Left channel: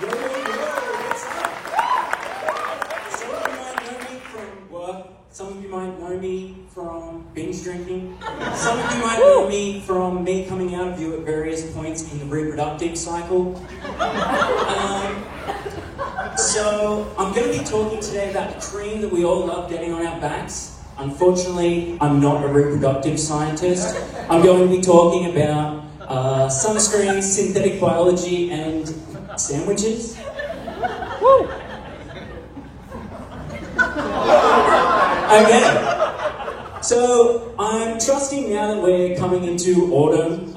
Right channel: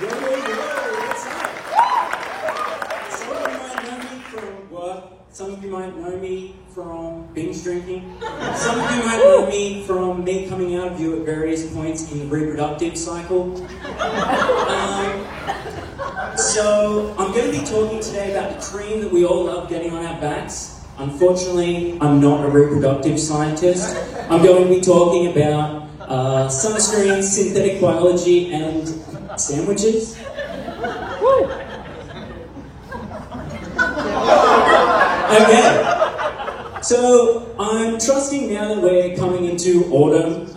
Yo, what's up? Some of you might know me from work. Some of you might know me from binge drinking. Some of you might know me from me coming out of you at various points in the reproductive cycle. So I'm going to be talking today about the cream that we all love getting on our backs. Unfortunately, I'm not a reproductive scientist. I'm going to be talking about sunscreen, synthetic biology, and sandwiches. Woo! Okay. So I'm trusting now that we're coming into autumn,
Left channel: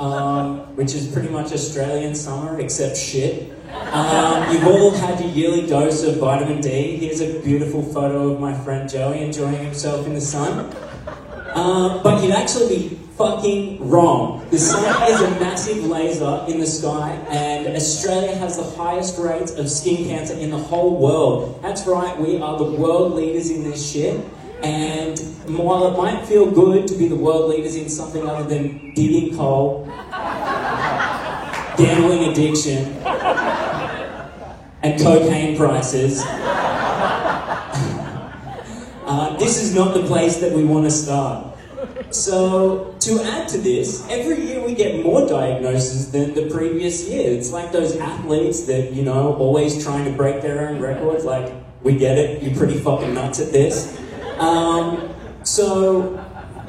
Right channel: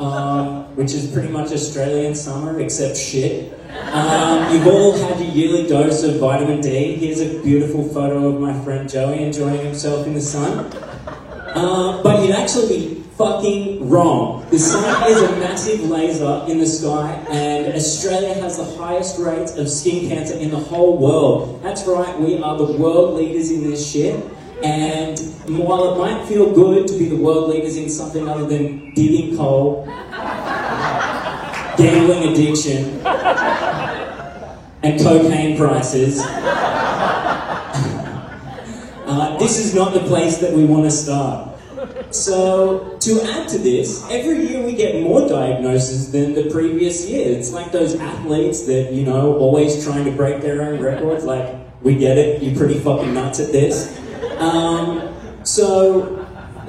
which is pretty much Australian summer except shit. You've all had your yearly dose of vitamin D. Here's a beautiful photo of my friend Joey enjoying himself in the sun. But you'd actually be fucking wrong. The sun is a massive laser in the sky, and Australia has the highest rates of skin cancer in the whole world. That's right, we are the world leaders in this shit. And while it might feel good to be the world leaders in something other than digging coal, gambling addiction, and cocaine prices, this is not the place that we want to start. So, to add to this, every year we get more diagnoses than the previous year. It's like those athletes that, you know, always trying to break their own records. Like, we get it, you're pretty fucking nuts at this. So,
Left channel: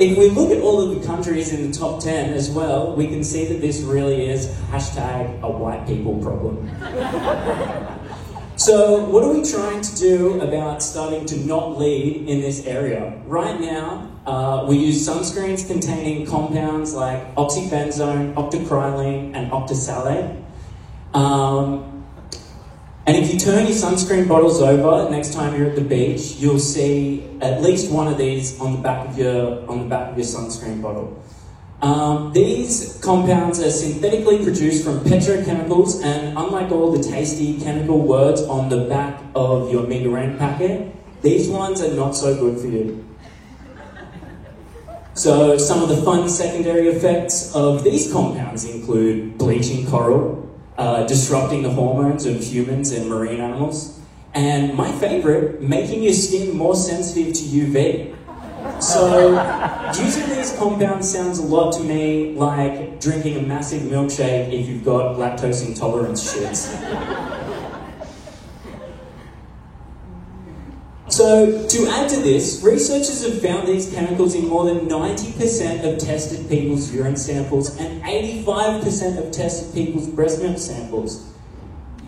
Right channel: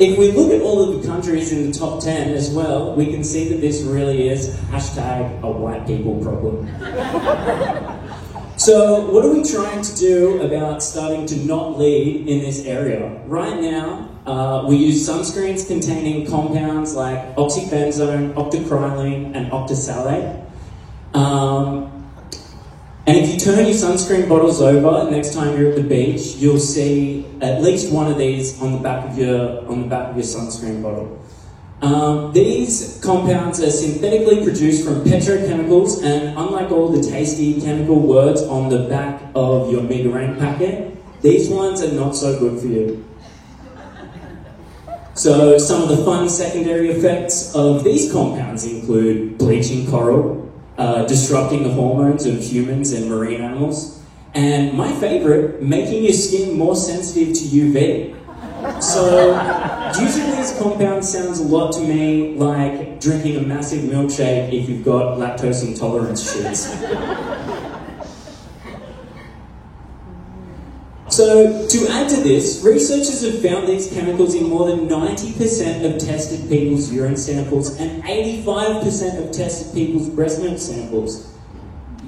if we look at all of the countries in the top 10 as well, we can see that this really is hashtag a white people problem. So, what are we trying to do about starting to not lead in this area? Right now, we use sunscreens containing compounds like oxybenzone, octocrylene, and octisalate. And if you turn your sunscreen bottles over next time you're at the beach, you'll see at least one of these on the back of your sunscreen bottle. These compounds are synthetically produced from petrochemicals, and unlike all the tasty chemical words on the back of your Megarang packet, these ones are not so good for you. So some of the fun secondary effects of these compounds include bleaching coral, disrupting the hormones of humans and marine animals, and my favourite, making your skin more sensitive to UV. So, using these compounds sounds a lot to me like drinking a massive milkshake if you've got lactose intolerance shits. So, to add to this, researchers have found these chemicals in more than 90% of tested people's urine samples and 85% of tested people's breast milk samples.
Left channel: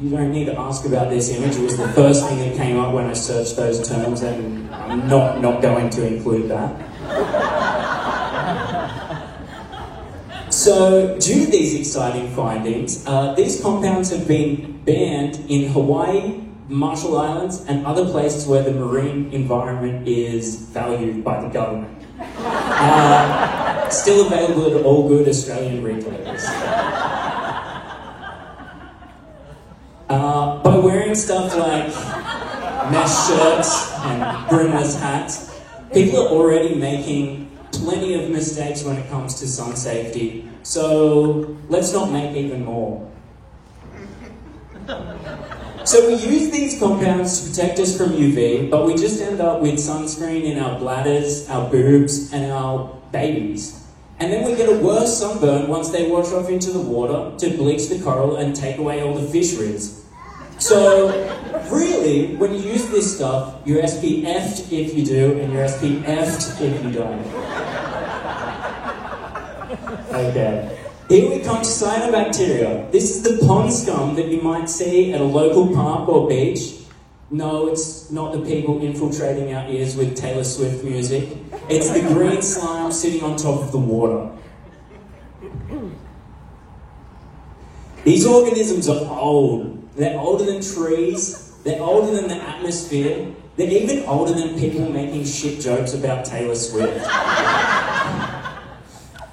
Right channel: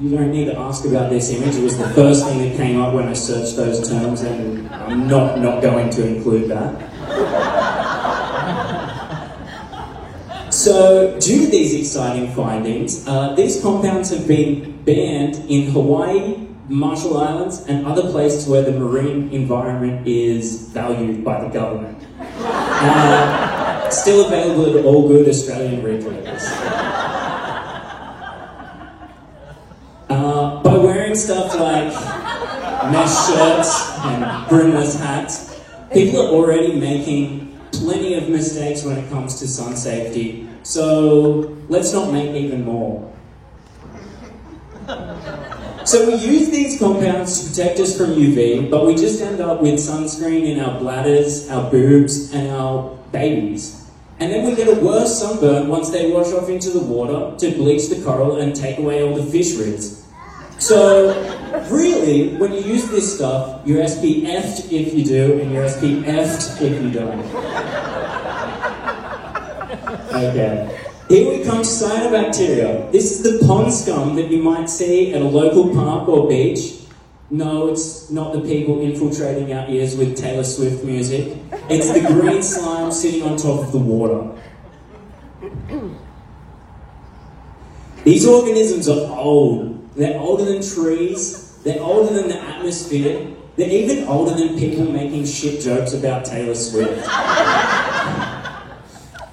You don't need to ask about this image, it was the first thing that came up when I searched those terms, and I'm not going to include that. So, due to these exciting findings, these compounds have been banned in Hawaii, Marshall Islands, and other places where the marine environment is valued by the government. Still available at all good Australian retailers. By wearing stuff like mesh shirts and brimless hats, people are already making plenty of mistakes when it comes to sun safety, so let's not make even more. So we use these compounds to protect us from UV, but we just end up with sunscreen in our bladders, our boobs, and our babies. And then we get a worse sunburn once they wash off into the water to bleach the coral and take away all the fish ribs. So, really, when you use this stuff, you're SPF'd if you do, and you're SPF'd if you don't. Okay. Here we come to cyanobacteria. This is the pond scum that you might see at a local park or beach. No, it's not the people infiltrating our ears with Taylor Swift music. It's the green slime sitting on top of the water. These organisms are old. They're older than trees. They're older than the atmosphere. They're even older than people making shit jokes about Taylor Swift.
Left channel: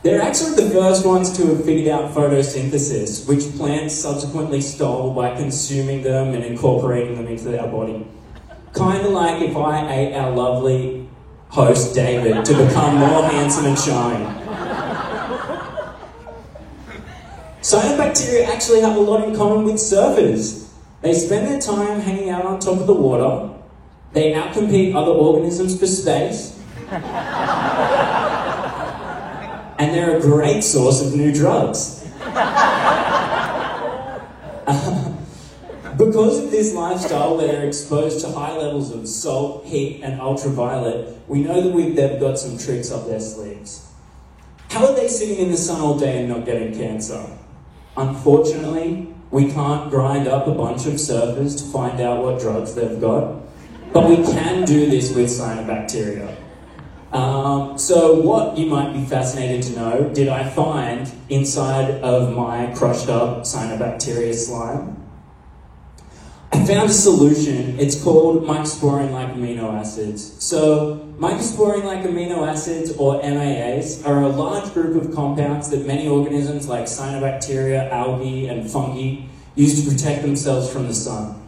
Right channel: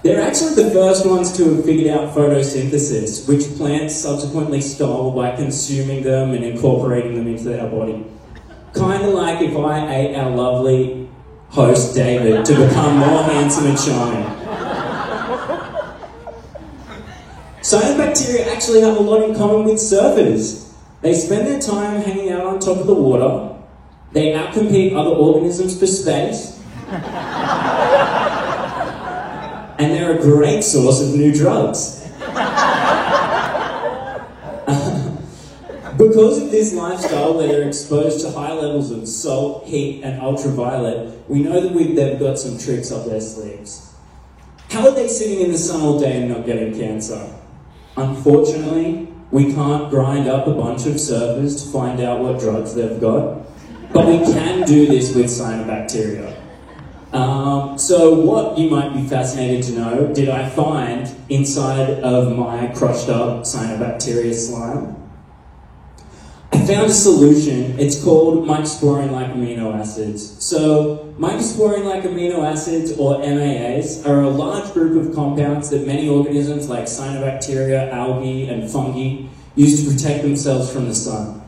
They're actually the first ones to have figured out photosynthesis, which plants subsequently stole by consuming them and incorporating them into our body. Kind of like if I ate our lovely host, David, to become more handsome and charming. Cyanobacteria actually have a lot in common with surfers. They spend their time hanging out on top of the water. They outcompete other organisms for space. And they're a great source of new drugs. Because of this lifestyle where they're exposed to high levels of salt, heat, and ultraviolet, we know that they've got some tricks up their sleeves. How are they sitting in the sun all day and not getting cancer? Unfortunately, we can't grind up a bunch of surfers to find out what drugs they've got, but we can do this with cyanobacteria. So what, you might be fascinated to know, did I find inside of my crushed up cyanobacteria slime? I found a solution. It's called mycosporine-like amino acids. So mycosporine-like amino acids, or MAAs, are a large group of compounds that many organisms like cyanobacteria, algae, and fungi use to protect themselves from the sun.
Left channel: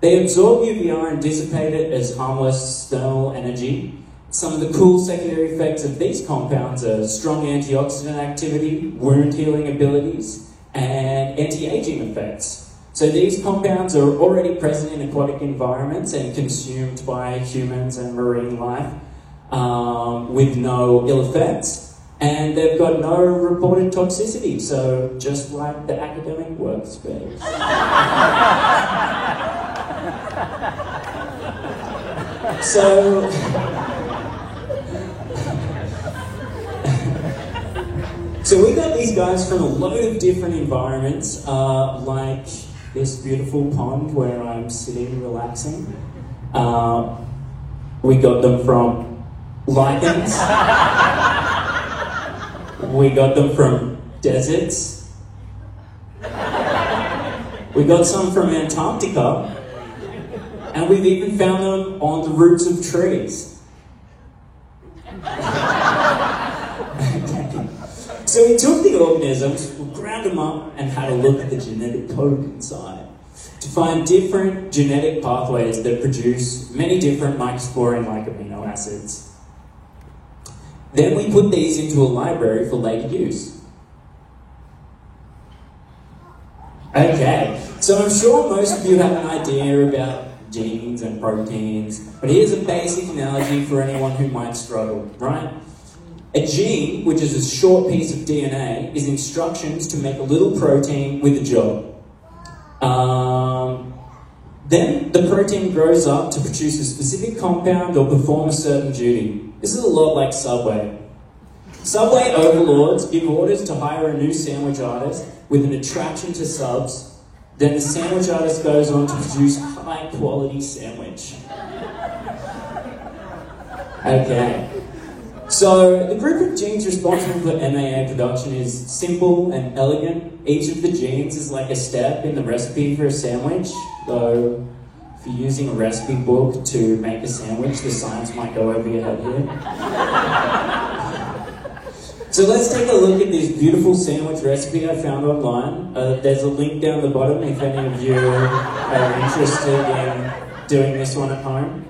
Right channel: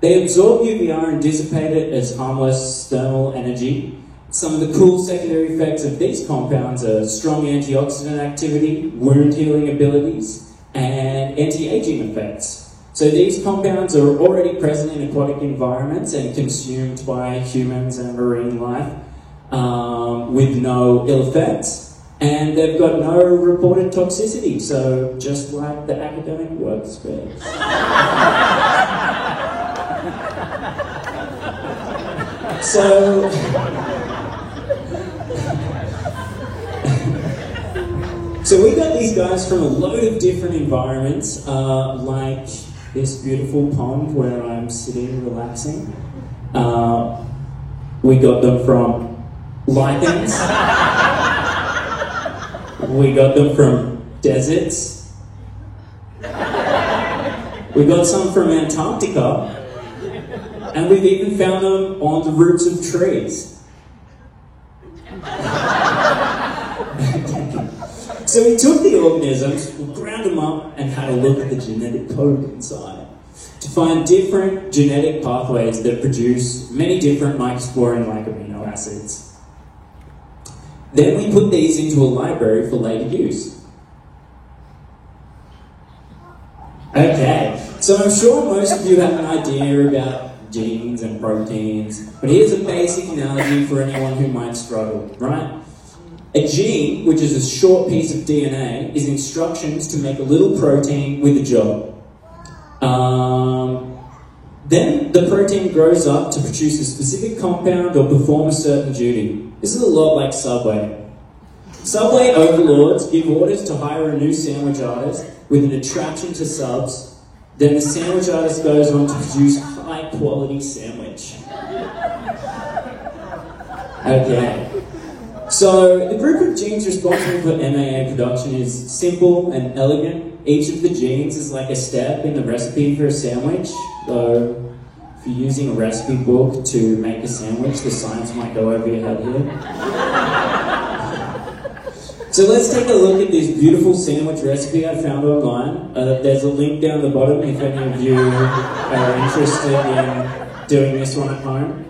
They absorb UVR and dissipate it as harmless thermal energy. Some of the cool secondary effects of these compounds are strong antioxidant activity, wound healing abilities, and anti-aging effects. So these compounds are already present in aquatic environments and consumed by humans and marine life with no ill effects. And they've got no reported toxicity, so just like the academic workspace. So we got these guys from a load of different environments, like this beautiful pond where I'm sitting relaxing. We got them from lichens. We got them from deserts. We got some from Antarctica. And we've even found them on the roots of trees. So we took the organisms, we ground them up, and had a look at the genetic code inside to find different genetic pathways that produce many different mycosporine-like amino acids. Then we put these into a library for later use. Okay, so I'm sure most of you have an idea about genes and proteins, but here's a basic analogy for anyone who might struggle, right? A gene, which is a short piece of DNA, is instructions to make a little protein with a job. Then the protein grows up to produce a specific compound or perform a certain duty. This is a lot like Subway. Subway overlords give orders to hire a new sandwich artist with an attraction to subs. Then the sandwich artist goes on to produce a high-quality sandwich. Okay. So, the group of genes responsible for MAA production is simple and elegant. Each of the genes is like a step in the recipe for a sandwich. So, if you're using a recipe book to make a sandwich, the science might go over your head here. So let's take a look at this beautiful sandwich recipe I found online. There's a link down the bottom if any of you are interested in doing this one at home.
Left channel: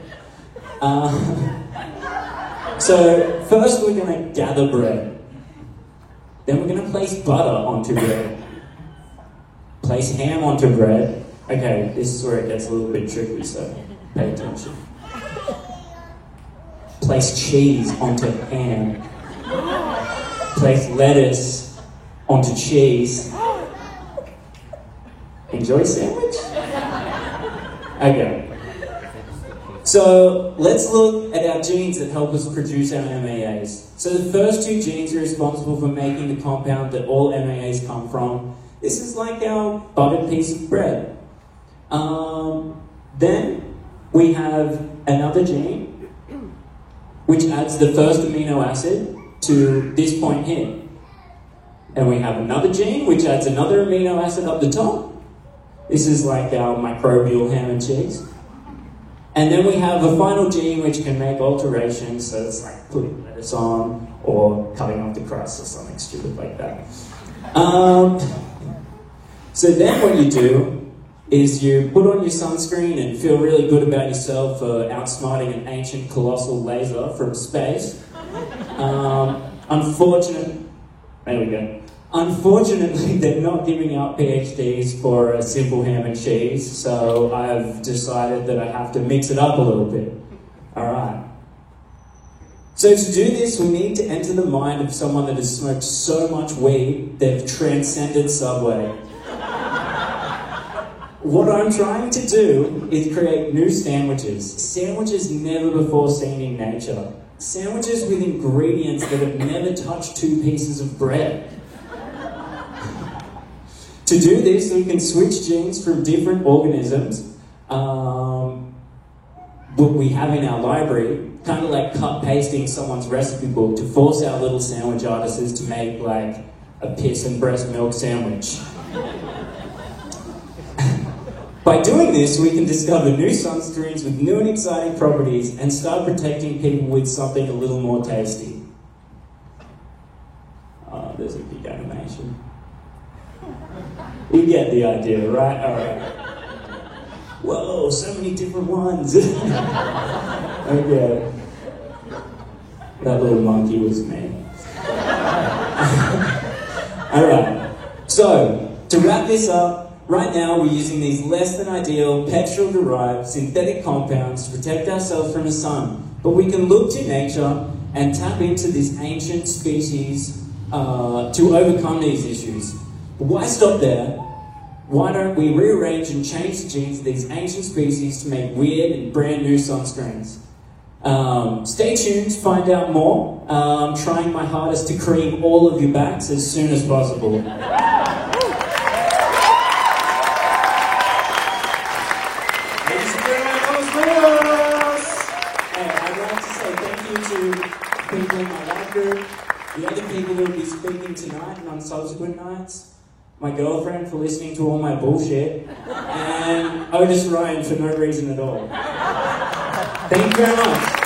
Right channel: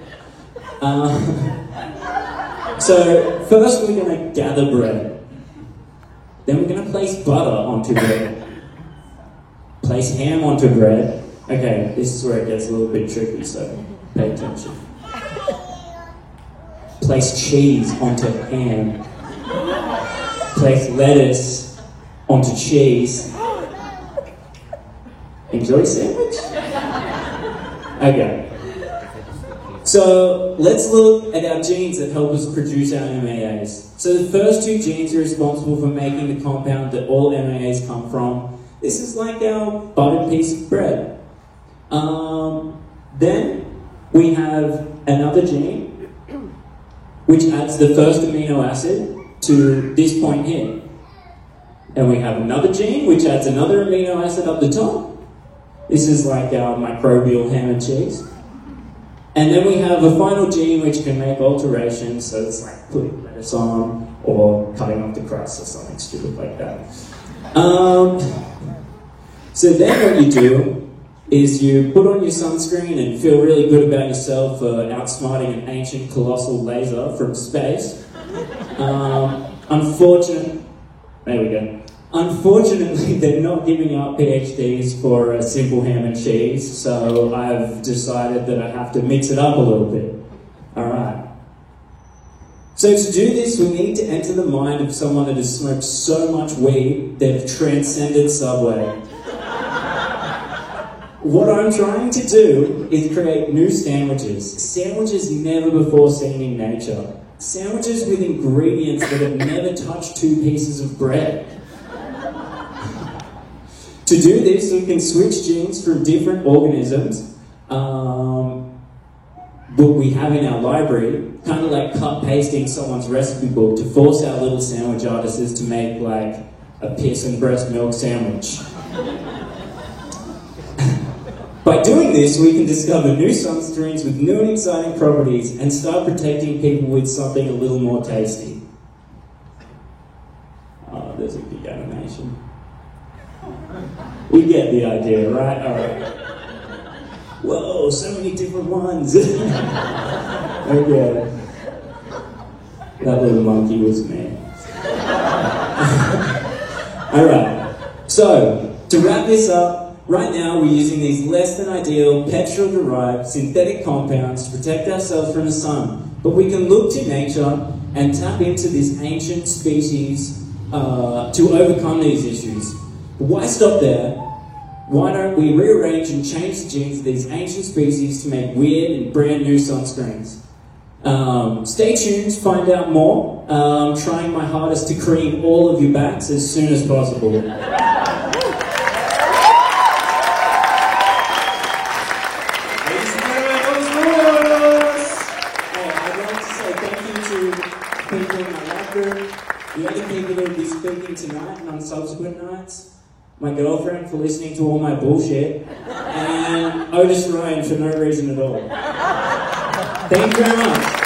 So first we're going to gather bread. Then we're going to place butter onto bread. Place ham onto bread. Okay, this is where it gets a little bit tricky, so pay attention. Place cheese onto ham. Place lettuce onto cheese. Enjoy sandwich? Okay. So let's look at our genes that help us produce our MAAs. So the first two genes are responsible for making the compound that all MAAs come from. This is like our buttered piece of bread. Then we have another gene which adds the first amino acid to this point here. And we have another gene which adds another amino acid up the top. This is like our microbial ham and cheese. And then we have a final gene which can make alterations, so it's like putting lettuce on or cutting off the crust or something stupid like that. So then what you do is you put on your sunscreen and feel really good about yourself for outsmarting an ancient colossal laser from space. Unfortunately, they're not giving out PhDs for a simple ham and cheese, so I've decided that I have to mix it up a little bit. Alright. So to do this, we need to enter the mind of someone that has smoked so much weed they've transcended Subway. What I'm trying to do is create new sandwiches. Sandwiches never before seen in nature. Sandwiches with ingredients that have never touched two pieces of bread. To do this, we can switch genes from different organisms that we have in our library, kind of like cut-pasting someone's recipe book to force our little sandwich artists to make like a piss and breast milk sandwich. By doing this, we can discover new sunscreens with new and exciting properties and start protecting people with something a little more tasty. Oh, there's a big animation. We get the idea, right? Alright. Whoa, so many different ones. Okay. That little monkey was me. Alright. So, to wrap this up, right now we're using these less than ideal petrol-derived synthetic compounds to protect ourselves from the sun. But we can look to nature and tap into this ancient species to overcome these issues. But why stop there? Why don't we rearrange and change the genes of these ancient species to make weird and brand new sunscreens? Stay tuned to find out more. I'm trying my hardest to cream all of your backs as soon as possible. Ladies and gentlemen, I'd like to say thank you to people in my life group, the other people that will be speaking tonight and on subsequent nights, my girlfriend for listening to all my bullshit, and Otis Ryan for no reason at all. Thank you very much.